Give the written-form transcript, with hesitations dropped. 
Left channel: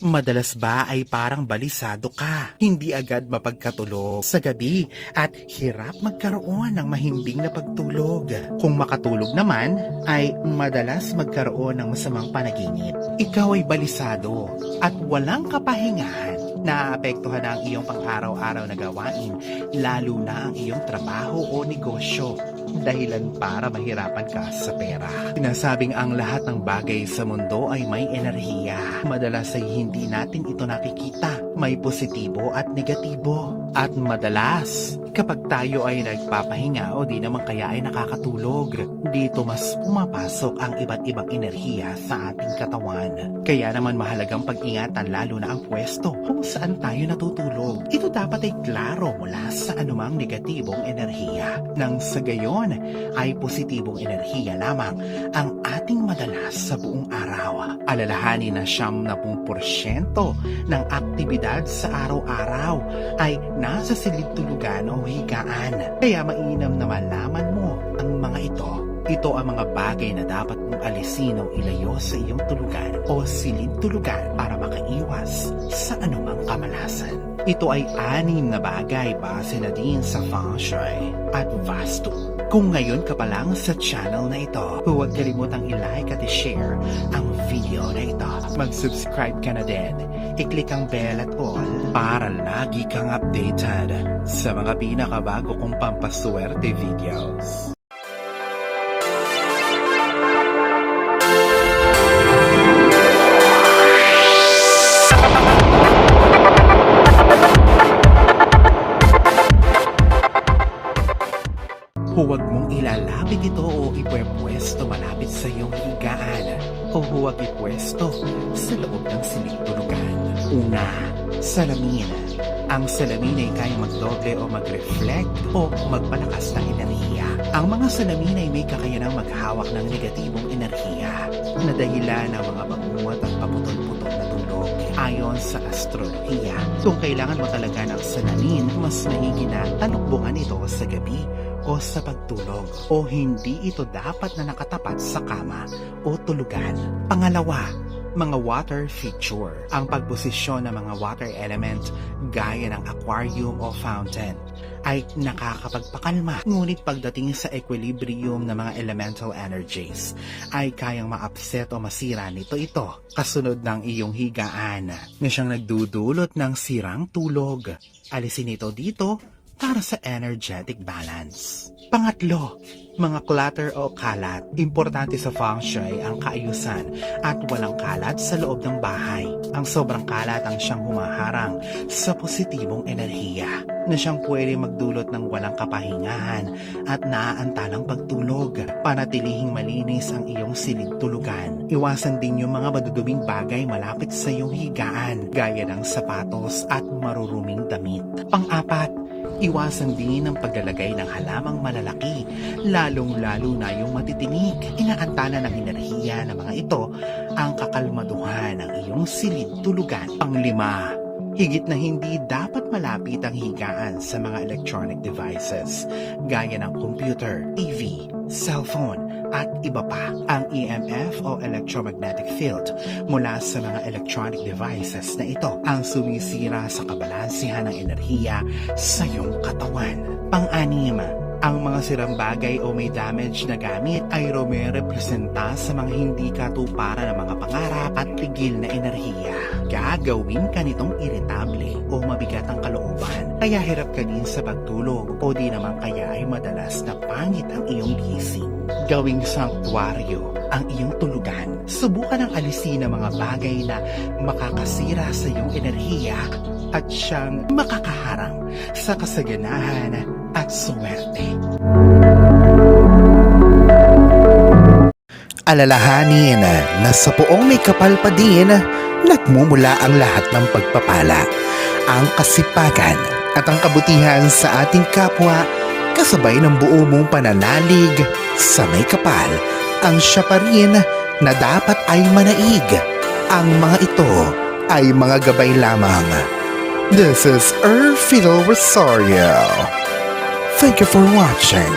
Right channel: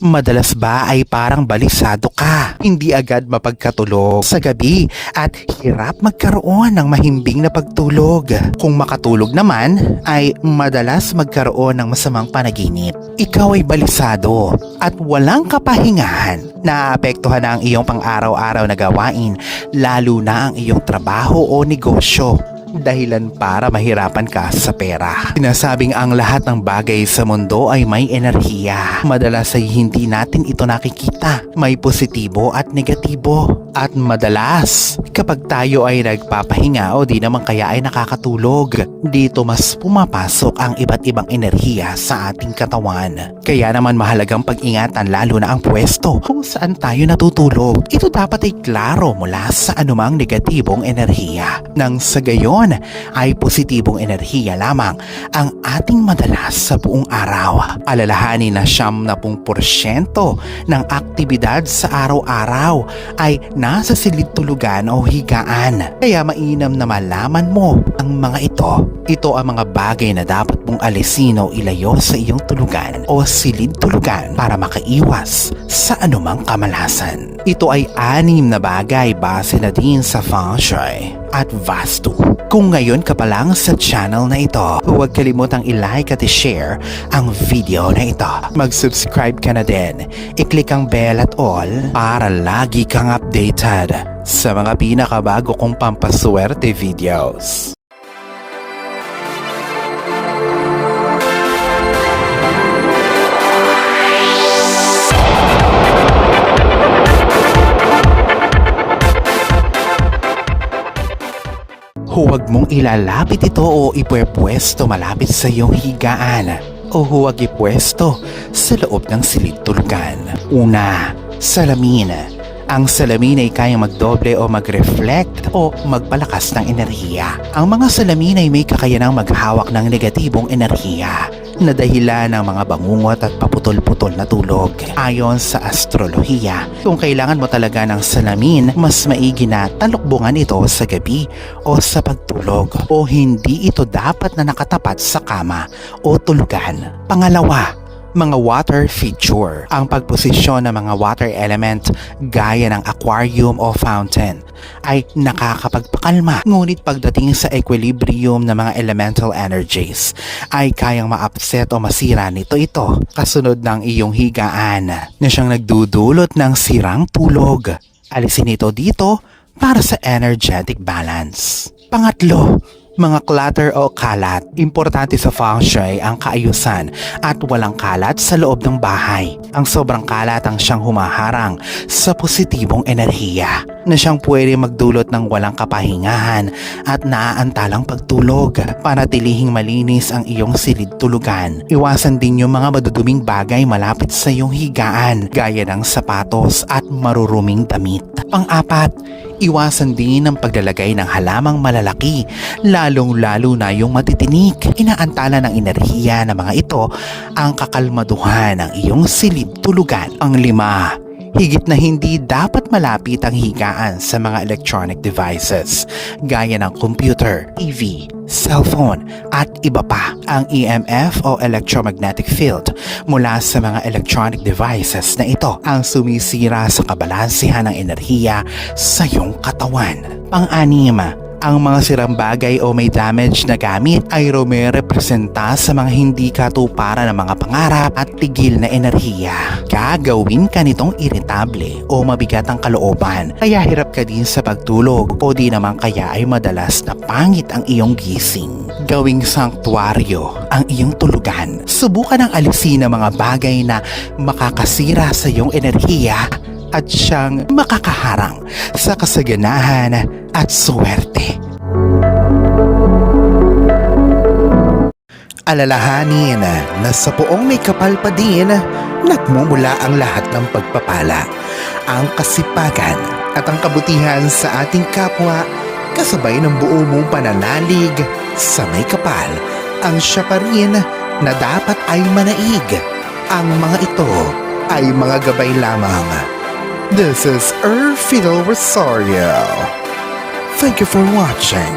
Madalas ba ay parang balisado ka, hindi agad mapagkatulog sa gabi at hirap magkaroon ng mahimbing na pagtulog. Kung makatulog naman ay madalas magkaroon ng masamang panaginip. Ikaw ay balisado at walang kapahingahan. Naapektuhan na ang iyong pang-araw-araw na gawain, lalo na ang iyong trabaho o negosyo. Dahilan para mahirapan ka sa pera. Sinasabing ang lahat ng bagay sa mundo ay may enerhiya. Madalas ay hindi natin ito nakikita. May positibo at negatibo. At madalas, kapag tayo ay nagpapahinga o di naman kaya ay nakakatulog, dito mas pumapasok ang iba't ibang enerhiya sa ating katawan. Kaya naman mahalagang pag-ingatan lalo na ang pwesto kung saan tayo natutulog. Ito dapat ay klaro mula sa anumang negatibong enerhiya. Nang sa gayon, ay positibong enerhiya lamang ang ating madalas sa buong araw. Alalahanin na 70% ng aktibidad sa araw-araw ay nasa silid-tulugan o higaan. Kaya mainam na malaman mo ang mga ito. Ito ang mga bagay na dapat mong alisin o ilayo sa iyong tulugan o silid-tulugan para makaiwas sa anumang kamalasan. Ito ay 6 na bagay base na din sa Feng Shui at Vastu. Kung ngayon ka pa lang sa channel na ito, huwag kalimutang i-like at i-share ang video na ito. Mag-subscribe ka na din. I-click ang bell at all para lagi kang updated sa mga pinakabago kong pampaswerte videos. Huwag mong ilalapit ito o ipwepwesto malapit sa iyong higaan o huwag ipwesto sa loob ng silid-tulugan. Una, salamin. Ang salamin ay kayang magdoble o mag-reflect o magpalakas ng enerhiya. Ang mga salamin ay may kakayanang maghawak ng negatibong enerhiya na dahilan ng mga bangungot at paputol-putol na tulog. Ayon sa astrolohiya, kung kailangan mo talaga ng salamin, mas maigi na talukbungan ito sa gabi o sa pagtulog o hindi ito dapat na nakatapat sa kama o tulugan. Pangalawa, mga water feature. Ang pagposisyon ng mga water element gaya ng aquarium o fountain ay nakakapagpakalma. Ngunit pagdating sa equilibrium ng mga elemental energies ay kayang ma-upset o masira nito ito kasunod ng iyong higaan na siyang nagdudulot ng sirang tulog. Alisin ito dito para sa energetic balance. Pangatlo, mga clutter o kalat. Importante sa Feng Shui ang kaayusan at walang kalat sa loob ng bahay. Ang sobrang kalat ang siyang humaharang sa positibong enerhiya na siyang pwede magdulot ng walang kapahingahan at naaantalang pagtulog. Panatilihing malinis ang iyong silid-tulugan. Iwasan din yung mga maduduming bagay malapit sa iyong higaan gaya ng sapatos at maruruming damit. Pang-apat, iwasan din ang paglalagay ng halamang malalaki, lalong-lalo na yung matitinik. Inaantala ng enerhiya ng mga ito ang kakalmaduhan ng iyong silid-tulugan. Ang 5, higit na hindi dapat malapit ang higaan sa mga electronic devices gaya ng computer, TV, cellphone at iba pa. Ang EMF o electromagnetic field mula sa mga electronic devices na ito ang sumisira sa kabalansihan ng enerhiya sa iyong katawan. Pang-6, ang mga sirang bagay o may damage na gamit ay rumerepresenta sa mga hindi katuparan ng mga pangarap at tigil na enerhiya. Gagawin ka nitong iritable o mabigat ang kalooban, kaya hirap ka din sa pagtulog o di naman kaya ay madalas na pangit ang iyong gising. Gawing sanktuaryo ang iyong tulugan. Subukan ang alisin ang mga bagay na makakasira sa iyong enerhiya at siyang makakaharang sa kasaganahan at swerte. Alalahanin na sa poong may kapal pa din, nagmumula ang lahat ng pagpapala, ang kasipagan at ang kabutihan sa ating kapwa kasabay ng buo mong pananalig sa may kapal. Ang siya pa rin na dapat ay manaig. Ang mga ito ay mga gabay lamang. This is Fiddle Rosario. Thank you for watching.